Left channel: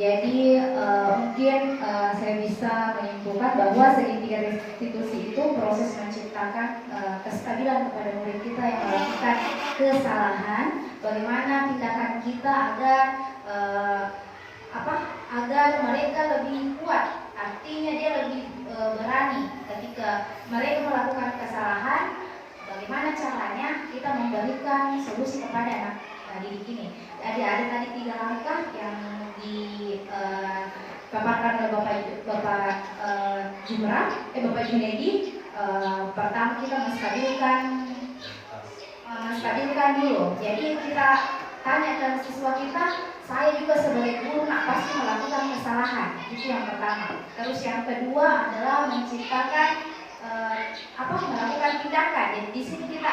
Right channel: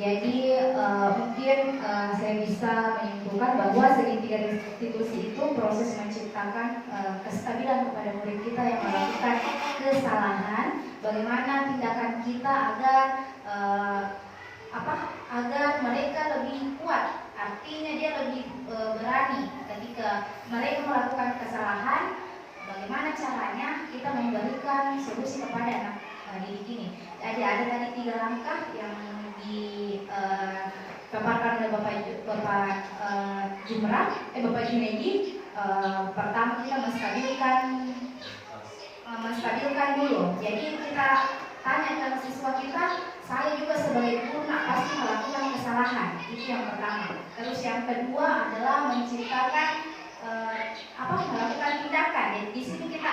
Jadi mungkin saya bisa menyimpulkan bahwa segitiga restitusi itu proses menciptakan kestabilan kepada murid kita yang melakukan kesalahan. Bagaimana tindakan kita agar agar mereka lebih kuat. Artinya dia lebih berani ketika mereka melakukan kesalahan. Bagaimana caranya kita memberikan solusi kepada anak didik ini. Jadi ada tadi 3 langkah yang dipaparkan oleh Bapak Bapak Junedi. Pertama kita menstabilkan dulu. Jadi kita tanya ke siswa kita, saya juga sebagai guru pasti melakukan kesalahan. Itu yang pertama. Terus yang kedua adalah menciptakan melakukan tindakan. Jadi di sini kita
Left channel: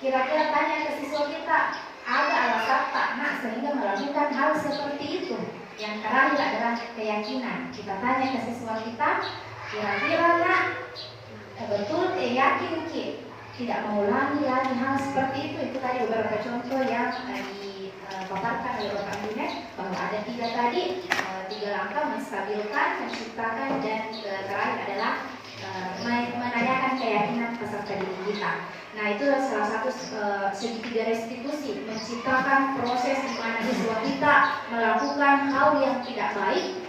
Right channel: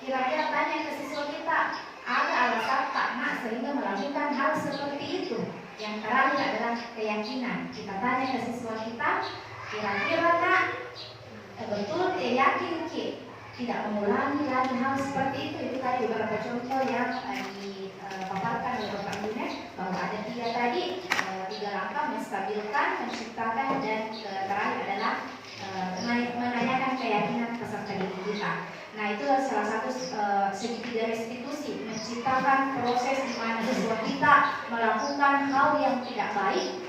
kira-kira tanya ke siswa kita, ada alasan tak nak sehingga melakukan hal seperti itu. Yang terakhir adalah keyakinan. Kita tanya ke siswa kita, kira-kira nak betul yakin tidak mengulangi lagi hal seperti itu. Itu tadi beberapa contoh yang dipaparkan oleh Bapak Junet, bahwa ada 3 tadi, 3 langkah: menstabilkan, menciptakan, dan terakhir adalah menanyakan keyakinan peserta didik kita. Nah, itu salah satu segitiga restitusi, menciptakan proses di mana siswa kita melakukan hal yang tidak baik,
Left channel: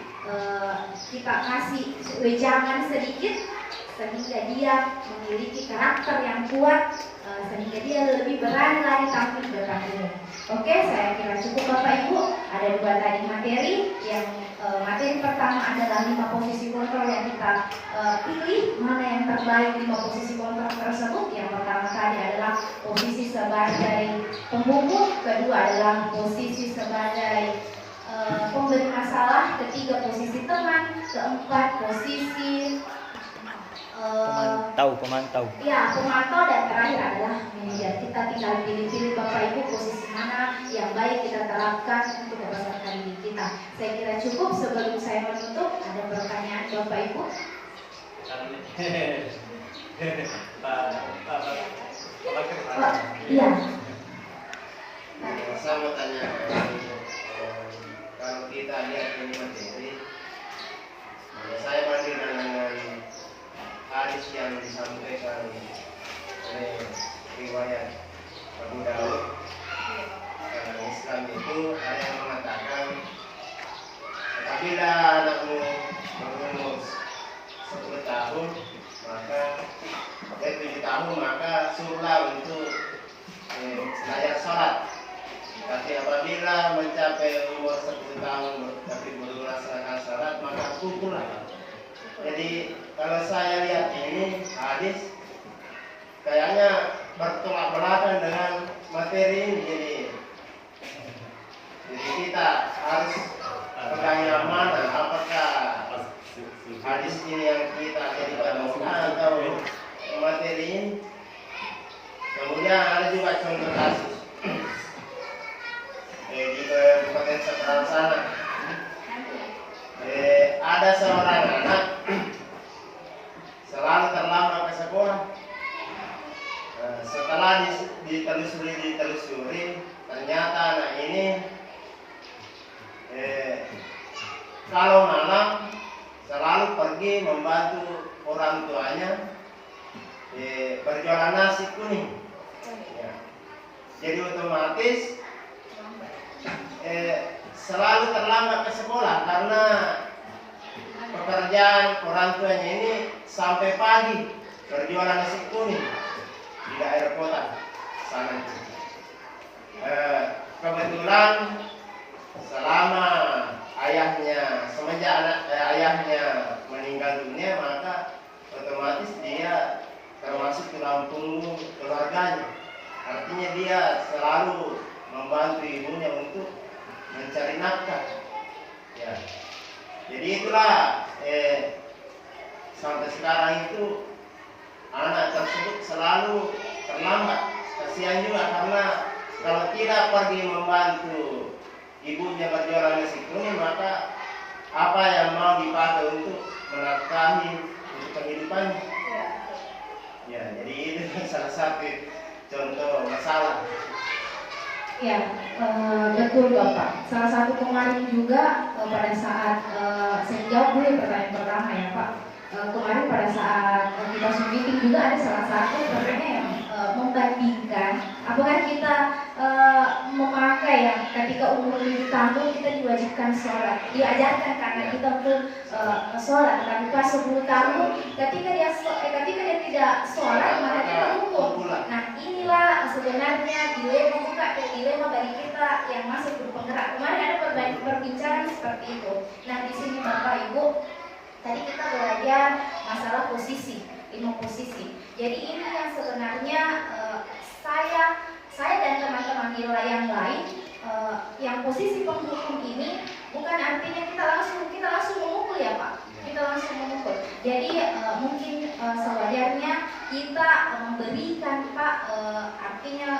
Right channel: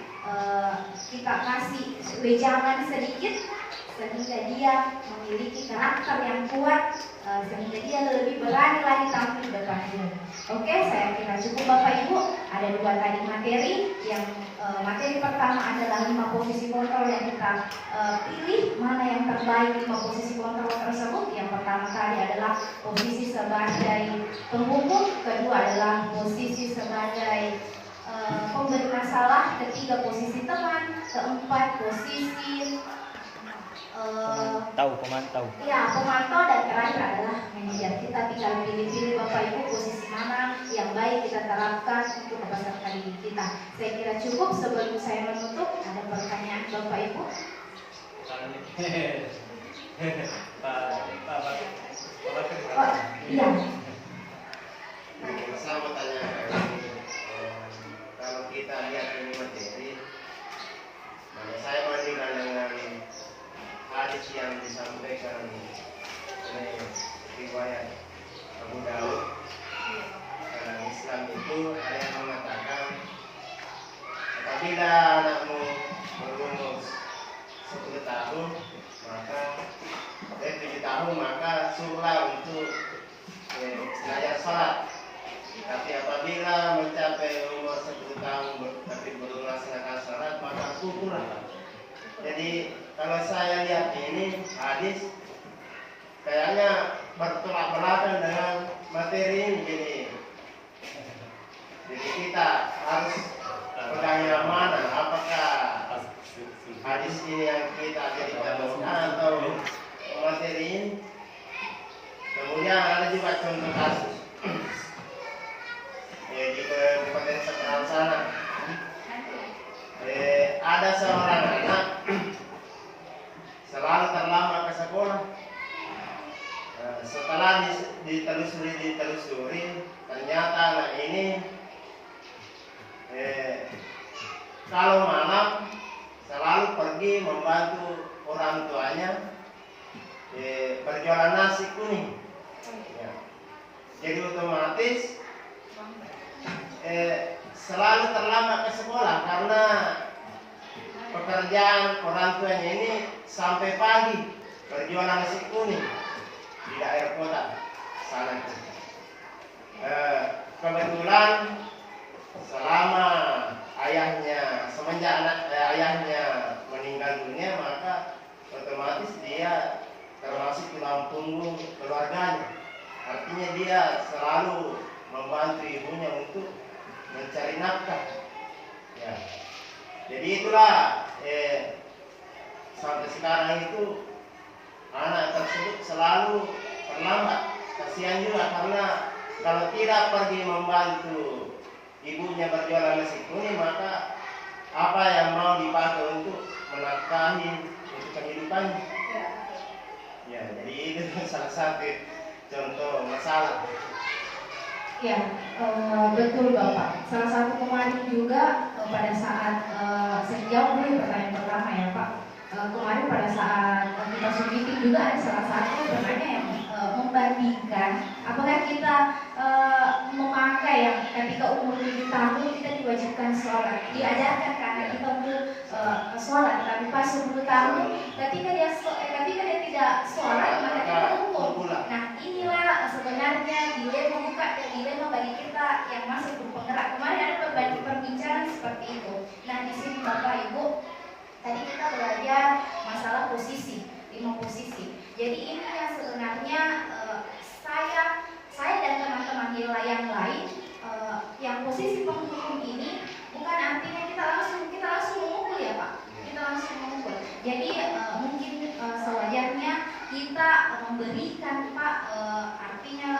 kita kasih wejangan sedikit sehingga dia memiliki karakter yang kuat, sehingga dia lebih berani lagi tampil di depan umum. Oke, saya kira cukup Bapak Ibu. Ada 2 tadi materi. Yang materi pertama adalah 5 posisi kontrol yang kita pilih mana yang terbaik 5 posisi kontrol tersebut. Yang pertama tadi adalah posisi sebagai penghukum, kedua adalah posisi sebagai pemberi masalah, ketiga posisi teman, keempat posisi pemantau. Ya, pemantau, dan terakhir adalah manajer. Kita tinggal pilih-pilih Bapak Ibu posisi mana yang baik kita terapkan untuk peserta didik kita. Saya kira cukup. Sebelum saya menutup, ada pertanyaan Bapak Ibu? Iya. Saya mau tanya, kalau kita lihat ini materi, saya bandingkan dengan hadis yang disampaikan oleh riwayat Abu Daud. Dalam Islam itu ada yang mengatakan, apabila anakmu berumur 10 tahun, maka 7 tahun, maka suruhlah untuk belajar sholat. Tapi apabila mencapai umur 10 tahun tapi belum melaksanakan sholat, maka pukullah. Jadi kalau saya lihat ini hadis kayaknya bertolak belakang dengan materi ini. Jadi kita harus pegang yang mana? Apakah hadis ini yang kita jadikan patokan atau materi ini? Kemudian ada juga contoh kasus di Kabupaten Semarang sana. Ada seorang anak selalu terlambat ke sekolah. Setelah ditelusuri, ternyata anak ini kalau malam selalu pergi membantu orang tuanya berjualan nasi kuning. Ya. Jadi otomatis selalu terlambat ke sekolah karena pekerjaan orang tuanya ini sampai pagi berjualan nasi kuning di daerah kota sana. Kebetulan selama semenjak ayahnya meninggal dunia, maka otomatis dia termasuk tulang punggung keluarganya. Artinya dia selalu membantu ibunya untuk mencari nafkah. Ya. Jadi itulah sampai sekarang itu anak tersebut selalu terlambat. Kasihan juga karena kalau tidak pergi membantu ibunya berjualan nasi kuning, maka apa yang mau dipakai untuk menafkahi untuk kehidupannya? Ya, jadi itu salah satu contoh masalah. Ya, betul Bapak. Salah satu kemarin juga pada saat saya jawab dulu pertanyaan pertama ya Pak. Kemarin pada saat kita Zoom meeting juga ada salah satu pertanyaan yang membandingkan apakah kita memakai yang ketika umur 7 tahun kita diwajibkan sholat, diajarkan karena kita untuk sholat, tapi pas 10 tahun ketika dia tidak sholat maka dia hukum. Nah inilah sebenarnya dilema bagi kita yang masih berpenggerak. Kemarin ada perbincangan seperti itu. Nah di sini Bapak Ibu, tadi kita belajar masalah posisi, 5 posisi. Jadi ini yang sebenarnya saya dan teman-teman yang lain yang posisi penghukum ini bukan artinya kita langsung memukul ya Pak. Kita langsung memukul. Jadi mungkin sewajarnya kita memberikan Pak artinya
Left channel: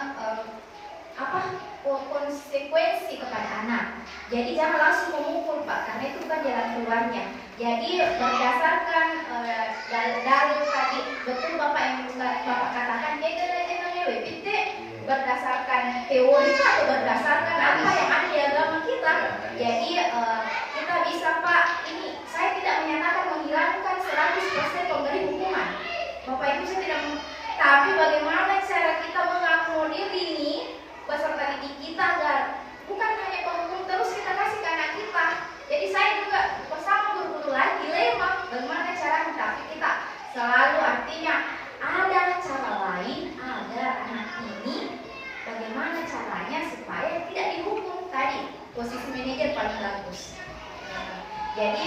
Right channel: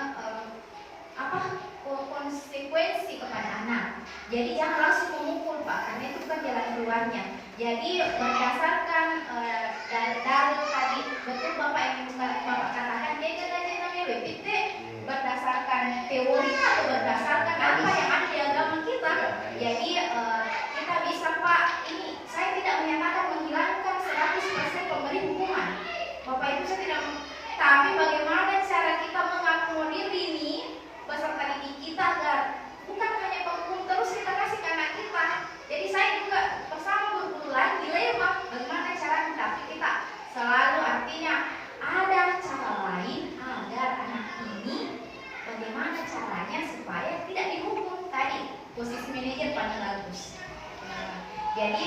konsekuensi kepada anak. Jadi jangan langsung memukul Pak, karena itu bukan jalan keluarnya. Jadi berdasarkan dalil tadi, betul Bapak yang Bapak katakan, berdasarkan teori atau berdasarkan apa yang ada di agama kita. Jadi kita bisa Pak, ini saya tidak menyatakan menghilangkan 100% pemberi hukuman. Bapak Ibu saya tidak, tapi bagaimana cara kita mengakomodir ini peserta didik kita agar bukan hanya penghukum terus kita kasih ke anak kita. Jadi saya juga bersama guru-guru lain dilema bagaimana caranya, tapi kita selalu artinya ada cara lain agar anak ini bagaimana caranya supaya tidak dihukum. Tadi posisi manajer paling bagus. Jadi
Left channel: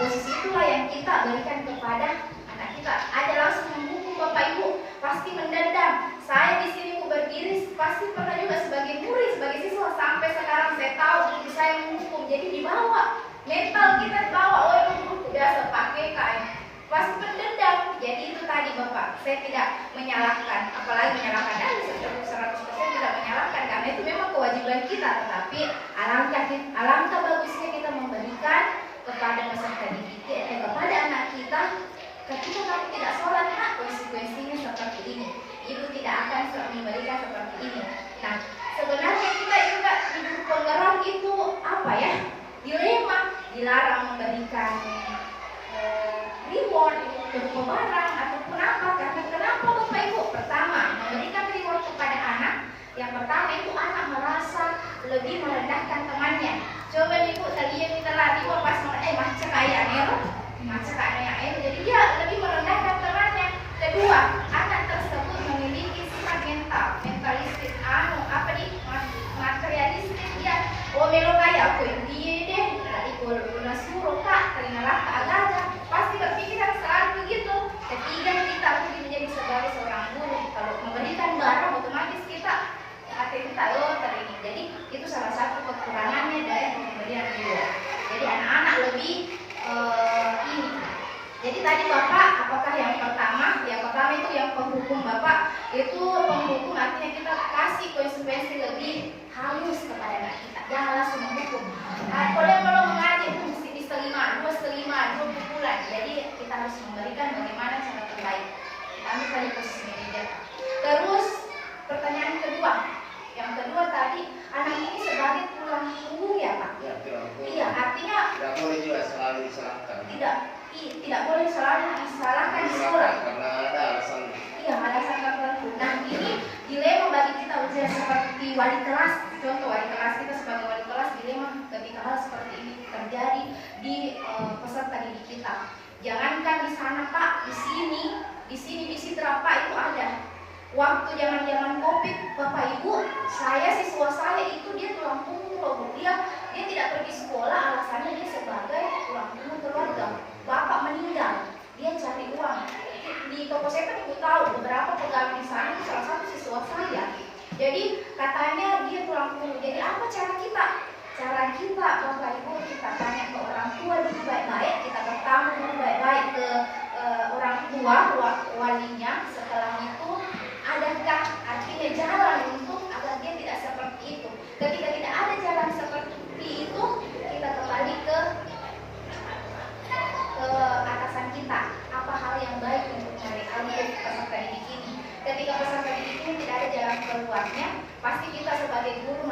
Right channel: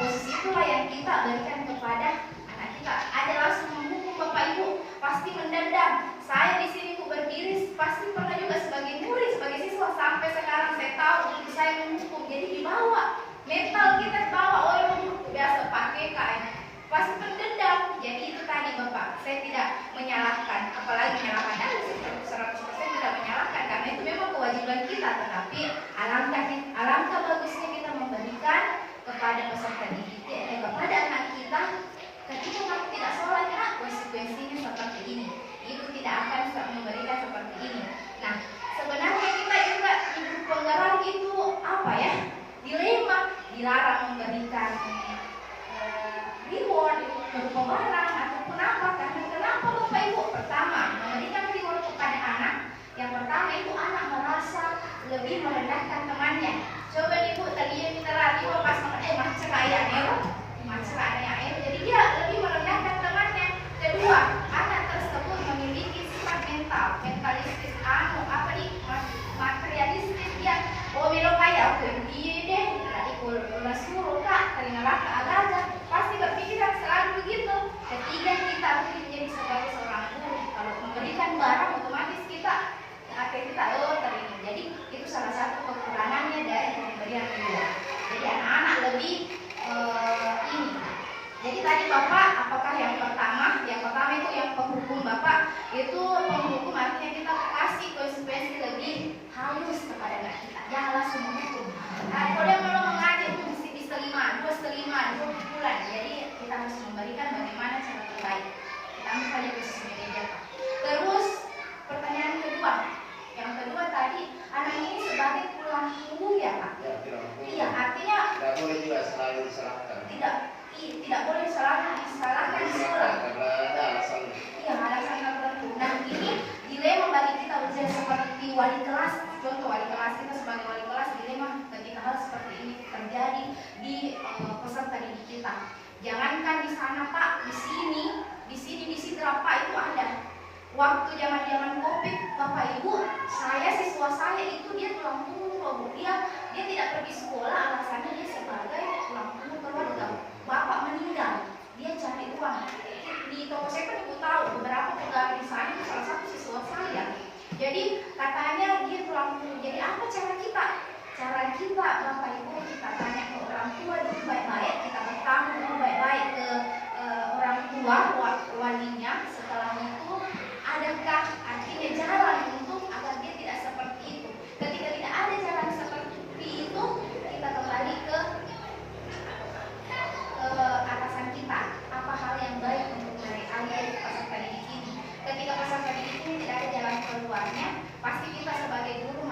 posisi itulah yang kita berikan kepada anak kita. Ada langsung menghukum Bapak Ibu pasti mendendam. Saya di sini berdiri pasti pernah juga sebagai murid, sebagai siswa sampai sekarang saya tahu guru saya menghukum. Jadi dibawa mental kita dibawa, oh ini biasa pakai kain pasti mendendam. Jadi itu tadi Bapak, saya tidak menyalahkan, apalagi menyalahkan dari 100% tidak menyalahkan karena itu memang kewajiban kita. Tetapi alangkah bagusnya kita memberikan kepada peserta didik kepada anak kita, ketika kamu tidak sholat nak, konsekuensinya seperti ini. Ibu tidak akan memberikan seperti ini. Nah, sebenarnya kita juga hidup penggerak itu apa ya? Dilema, dilarang memberikan reward berupa barang ataupun apa. Karena kenapa Bapak Ibu? Pertama, memberikan reward kepada anak. Yang pertama itu anak merasa lebih merendahkan temannya. Coba Ibu tadinya kita lari pas macam kayak macam kayak jadi dia lebih merendahkan temannya. Kedua, anak tersebut memiliki sifat mentalistis, materialistis. Dia melo kayak aku dia deh, udah suruh kak, terimalah ke agama, pasti berpikiran selalu begitu. Ketiga, kita mungkin menjadi sebagai seorang guru, kalau memberikan barang otomatis kita terima. Jadi itu salah satu kekurangannya dari pemberian guru. Jadi anak-anak lebih ini. Jadi tadi Bapak, apakah yang pertama itu yang penghukum Bapak, itu penghukum artinya kita kasih konsekuensi lebih halus kepada anak kita, jangan langsung menghukum. Kalau mengaji mesti diselima, 2 bulan, jadi kita harus memberikan bagaimana cara terbaik. Kita ambil tadi posisi manajer. Terus pertanyaan kedua, yang kedua tadi, anak ini sebagai tulang punggung ya Pak? Ya, iya, artinya tidak boleh juga selalu disalahkan. Tidak boleh selalu disalahkan di sekolah. Karena ada alasan. Iya, alasan tertentu. Nah ini dilema bagi kita ujian seperti wali kelas. Contoh wali kelas, kita sebagai wali kelas dilema ketika hal seperti ini terjadi di peserta didik kita. Jangankan di sana Pak, di sini di Sidra Pak itu ada. Waktu zaman Covid, Bapak Ibu, siswa saya itu dia tulang punggung. Dia tidak pergi sekolah, alasannya dia sebagai tulang punggung keluarga. Bapak meninggal, dia cari uang. Di toko saya kan Ibu tahu beberapa pegawai di sana itu salah satu siswa saya. Jadi katanya dia tulang punggung. Jadi apa cara kita? Cara kita Bapak Ibu, kita tanya ke orang tua dulu baik-baik, kita bertamu dulu baik-baik ke orang tua walinya. Setelah itu adakah artinya jalan untuk agar dia tidak seperti itu? Ketika tidak ada jalan seperti itu, kita kembali ke atasan kita. Apa hal yang baik untuk mereka peserta didik ini? Ketika peserta didik ini tidak ada jalan keluarnya, pasti kita sebagai guru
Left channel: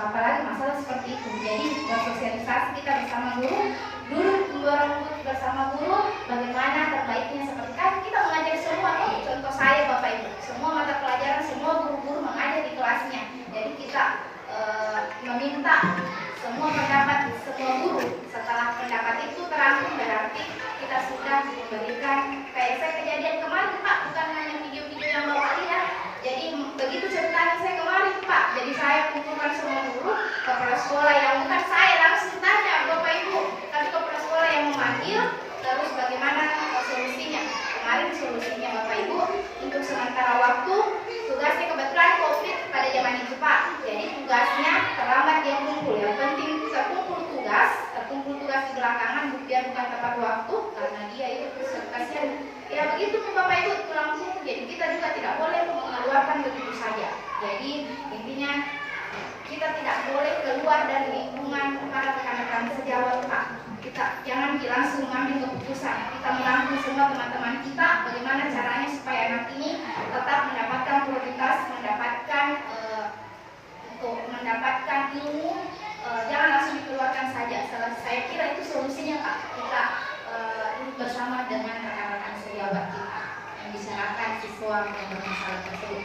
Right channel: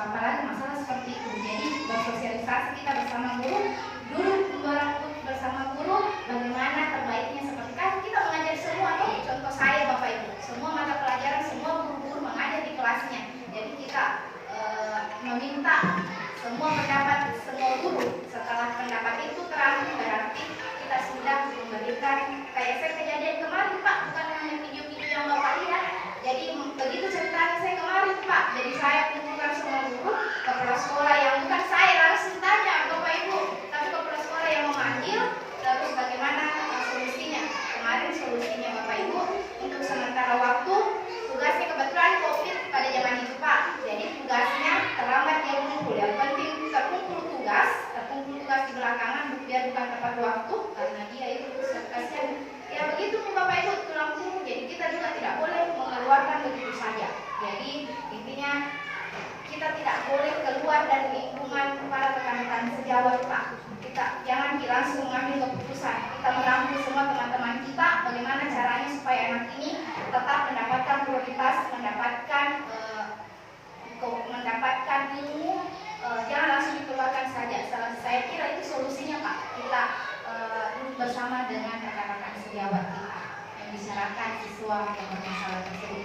apalagi masalah seperti itu. Jadi bersosialisasi kita bersama guru, duduk bersama guru, bagaimana terbaiknya seperti kan kita mengajar semua. Contoh saya Bapak Ibu, semua mata pelajaran semua guru-guru mengajar di kelasnya. Jadi kita meminta semua pendapat semua guru. Setelah pendapat itu terakhir berarti kita sudah memberikan kayak saya kejadian kemarin Pak, bukan hanya video-video yang Bapak lihat. Jadi begitu ceritanya saya kemarin Pak. Jadi saya kumpulkan semua guru, kepala sekolah yang bukan saya langsung tanya Bapak Ibu, tapi kepala sekolah yang memanggil, terus bagaimana solusinya. Kemarin solusinya Bapak Ibu untuk sementara waktu tugasnya kebetulan COVID pada zaman itu Pak. Jadi tugasnya terlambat dia kumpul. Yang penting terkumpul tugas di belakangan biar bukan tepat waktu karena dia itu kasihan. Ya begitu Bapak Ibu itu langsung. Jadi kita juga tidak boleh mengeluarkan begitu saja. Jadi intinya kita tidak boleh keluar dari lingkungan para rekan-rekan sejawat Pak. Kita jangan langsung mengambil keputusan. Kita menampung semua teman-teman kita bagaimana caranya supaya anak ini tetap mendapatkan prioritas, mendapatkan ilmu. Jangan langsung dikeluarkan saja. Saya kira itu solusinya Pak. Kita duduk bersama dengan rekan-rekan sejawat kita yang bicarakan siswa yang bermasalah tersebut.